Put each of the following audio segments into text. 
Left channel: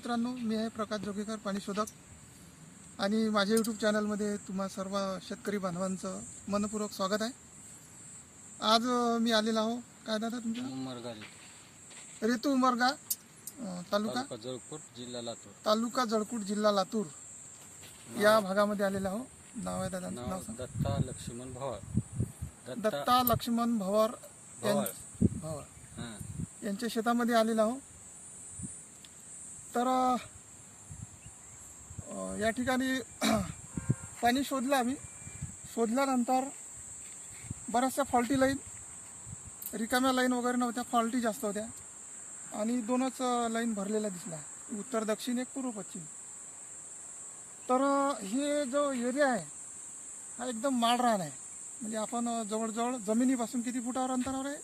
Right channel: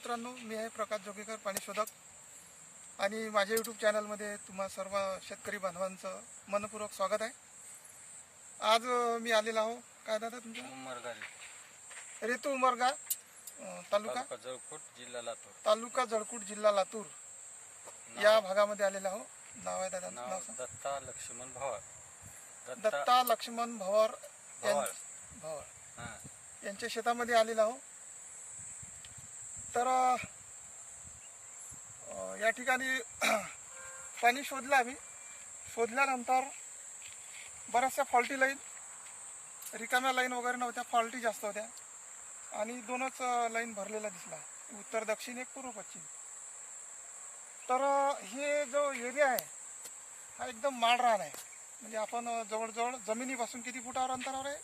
मित्रांनो, मी आहे प्रकाश जोगेकर, पाणी शोधक. आणि माझ्या यूट्यूब चॅनलमध्ये तुम्हा सर्व शेतकरी बांधवांचं मनपूर्वक स्वागत आहे. आज मी आलेला आहो. काय दादा तुमचं? उमरगा ऋतू उमरगा, तालुका जळकोट, जिल्हा लातूर या भागामध्ये आलेला आहो. नाव आहे दादा? नाव सांग. दत्ता लक्ष्मण भवर. दत्ता लक्ष्मण भवर यांच्या शेतामध्ये आलेला आहो. तर या ठिकाणी पाणी शोधलं आम्ही. शोधल्यानंतर बऱ्याचशा फॉल्टी लाईन, रिकाम्या लाईन वगैरे नव्हत्या, फॉल्टी जास्त होत्या. आणि दोनच लाईन भरलेल्या दिसल्या, उत्तर दक्षिण, एक पूर्व पश्चिम. तर हे जो एरिया आहे हा एकदम माळरान आहे. म्हणजे आपण जवळजवळ जमिनीपासून किती फुटावर अंतरावर आहे?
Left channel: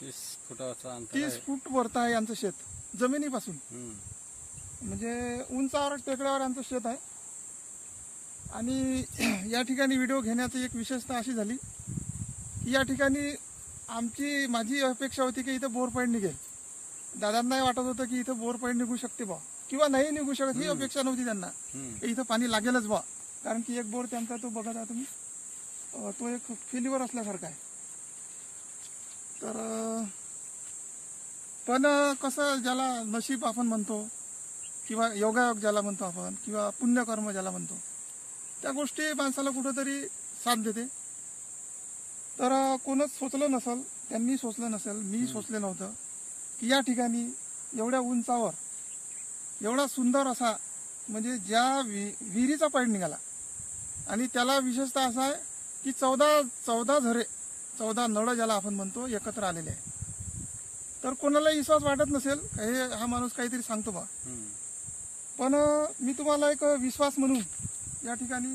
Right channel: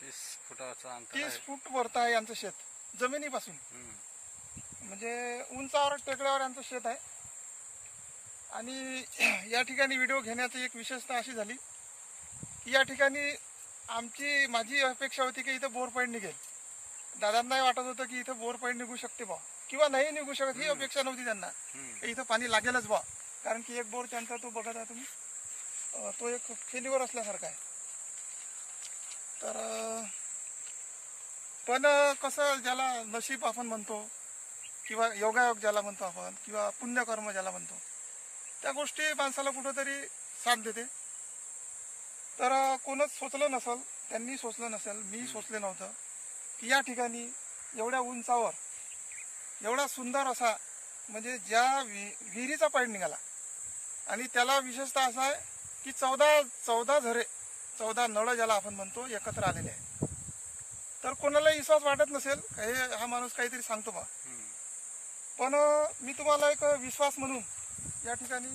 30 फुटाचं अंतर. 30 फूट वरतं आहे यांचं शेत जमिनीपासून. म्हणजे उंचावर टेकड्यावर यांचं शेत आहे. आणि या ठिकाणी व्हिडिओ घेण्याची एक विशेषता अशी झाली की या ठिकाणी माझी अपेक्षा होती की इथं बोर पॉईंट निघेल. दादांनाही वाटत होतं की इथं बोर पॉईंट निघू शकते बा, किंवा नाही निघू शकत, ही अपेक्षा नव्हती त्यांना. इथं पाणी लागेलच बा, कारण की एक बोर त्यांचा तो बघत आहे तुम्ही, तो एक फेल्युअर असल्यासारखा आहे. तर पण कसं, ज्याला नशीब आपण म्हणतो, किंवा योगायोग ज्याला म्हणतो आपण, किंवा पुण्यकर्म ज्याला म्हणतो, त्या गोष्टी माणसाला कुठंतरी साथ देते. तर कोणच सोचलं नसेल, त्यांनी सोचलं नसेल, मी सोचले नव्हतं की या ठिकाणी एवढ्या उंचावर एवढा सुंदर असा, म्हणजे ज्या विहिरीचा पॉईंट निघाला. आणि त्याला विशेषतः असा आहे की 14 झरे, 14 नळ ज्याला आपण म्हणतो, एकत्र आलेले आहे. तर कोणालाही विश्वास वाटत नसेल, हे हा माणूस काहीतरी सांगतो बा. पण मी तुम्हाला एक विश्वास म्हणून या ठिकाणी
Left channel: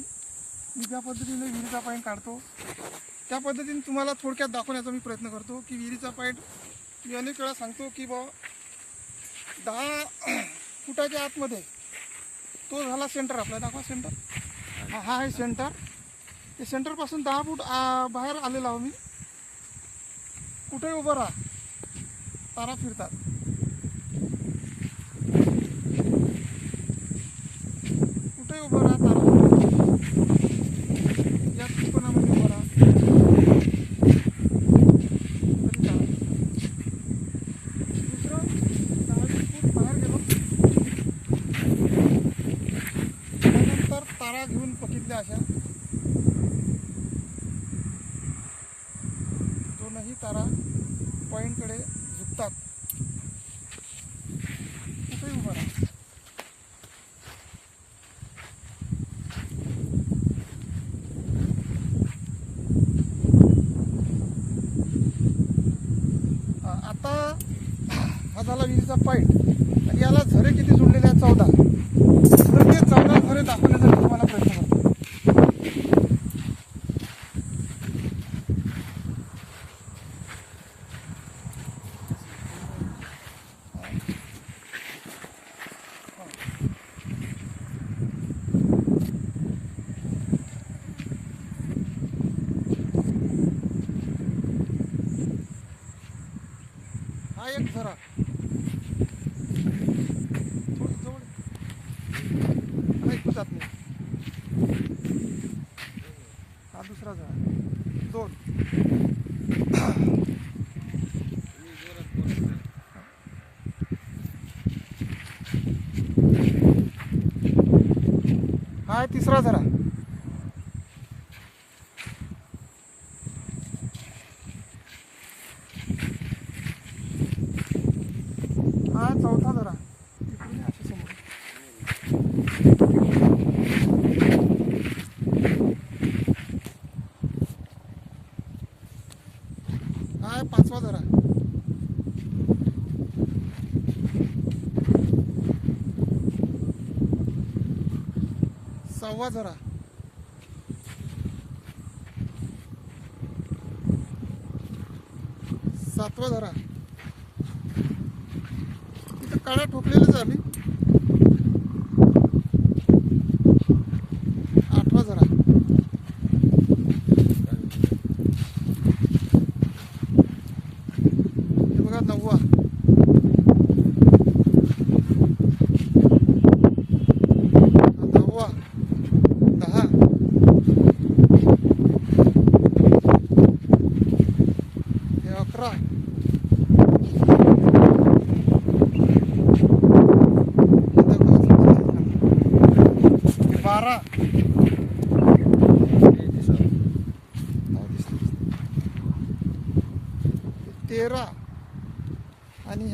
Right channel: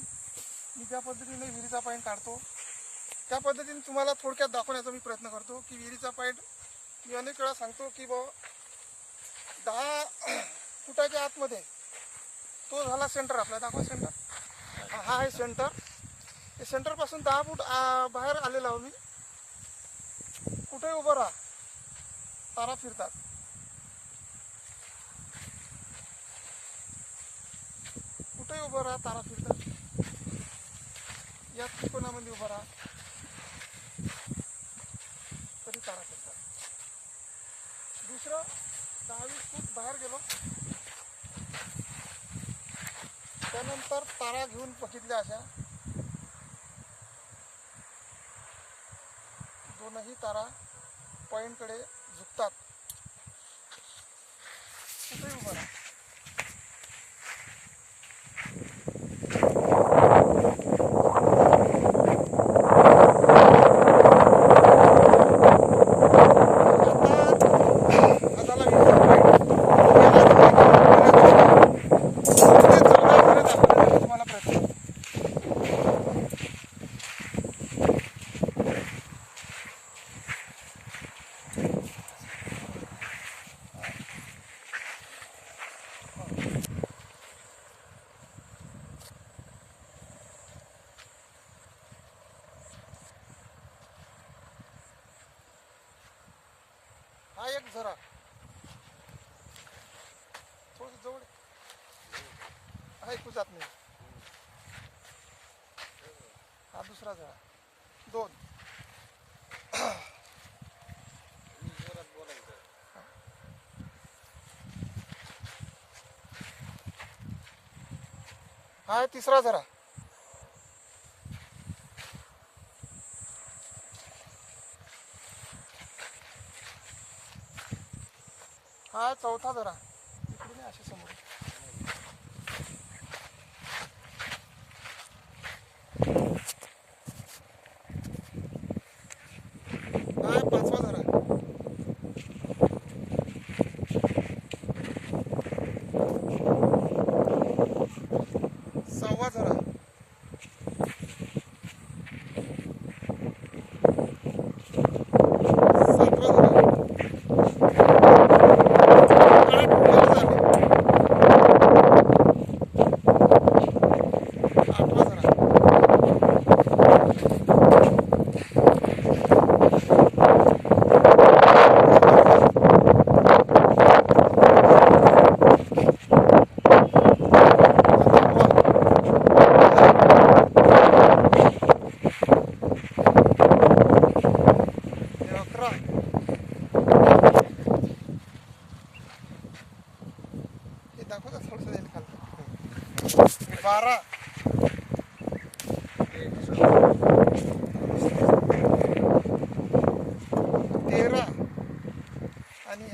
मी ज्या पद्धतीने विहिरीचा पॉईंट काढतो, त्या पद्धतीने तुम्हाला थोडक्यात दाखवण्याचा मी प्रयत्न करतो. की विहिरीचा पॉईंट मी अनेक वेळा सांगतो की बा 10 फुटाच्या आतमध्ये तो झाला सेंटर. आपला दाखवा सेंटर, हा आहे सेंटर. ते सेंटरपासून 10 फूट बाहेर आलेला आहो मी. कुठेही उभं राहा, तारा फिरतात. कुठेही उभं राहा, तारा फिरतात. या त्रिकोणामध्ये उभं राहा, तरी तारा फिरतात. दुसरं 10-20 फूट बाहेर गेलो, त्यानंतर तारा घेऊन बघितल्या अशा, दोनही तारा पॉईंटकडे झुकतात. कुठेही उभं राहा. हा एक झरा, थोडी जवळ ऐकू जात नाही. हा दुसरा झरा, 2. हा आहे तिसरा झरा. हा 4था झरा. इकडून असे समोर. हा 5वा झरा. 6वा झरा. 7वा झरा.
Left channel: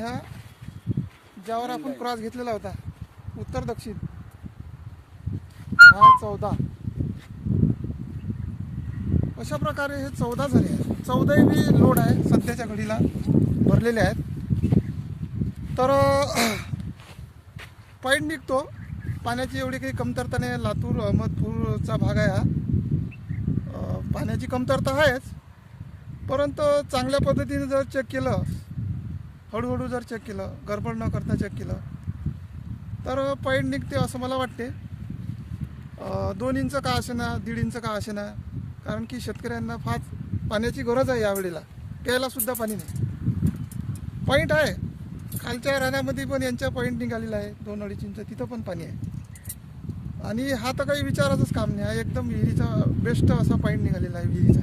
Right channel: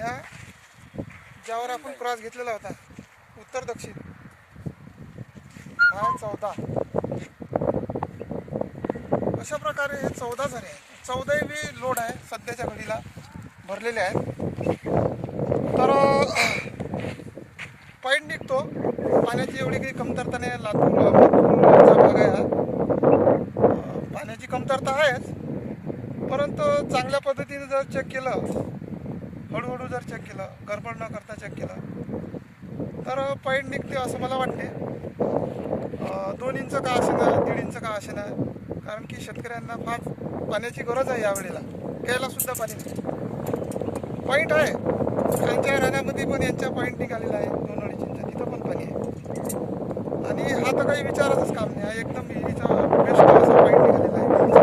ह्या ज्यावर आपण क्रॉस घेतलेला होता उत्तर दक्षिण हा 14. अशा प्रकारे हे 14 झाले आहेत. 14 बी लोड आहे सध्याच्या घडीला भरलेले आहेत. तर पॉईंट निघतो. पाण्याची एवढी काही कमतरता नाही. लातूरचा भाग आहे हा. पाण्याची कमतरता आहेच, परंतु चांगल्या पद्धतीने जर चेक केलं, हळूहळू जर चेक केलं, गडबड न करता चेक केलं तर पॉईंट निघते असं मला वाटते. 2 इंच का असेना, 1.5 इंच का असेना, कारण की शेतकऱ्यांना फार पाण्याची गरज आहे यावेळेला. प्यायला सुद्धा पाणी नाही. पॉईंट आहे त्यांच्या राण्यामध्ये पण यांच्या पॉईंट निघालेला आहे 2-2.5 इंच, तिथं पण पाणी आहे. आणि हा तर काही विचारायचंच काम नाही. हा एकदम विहिरीचा बेस्ट असा पॉईंट निघालेला आहे.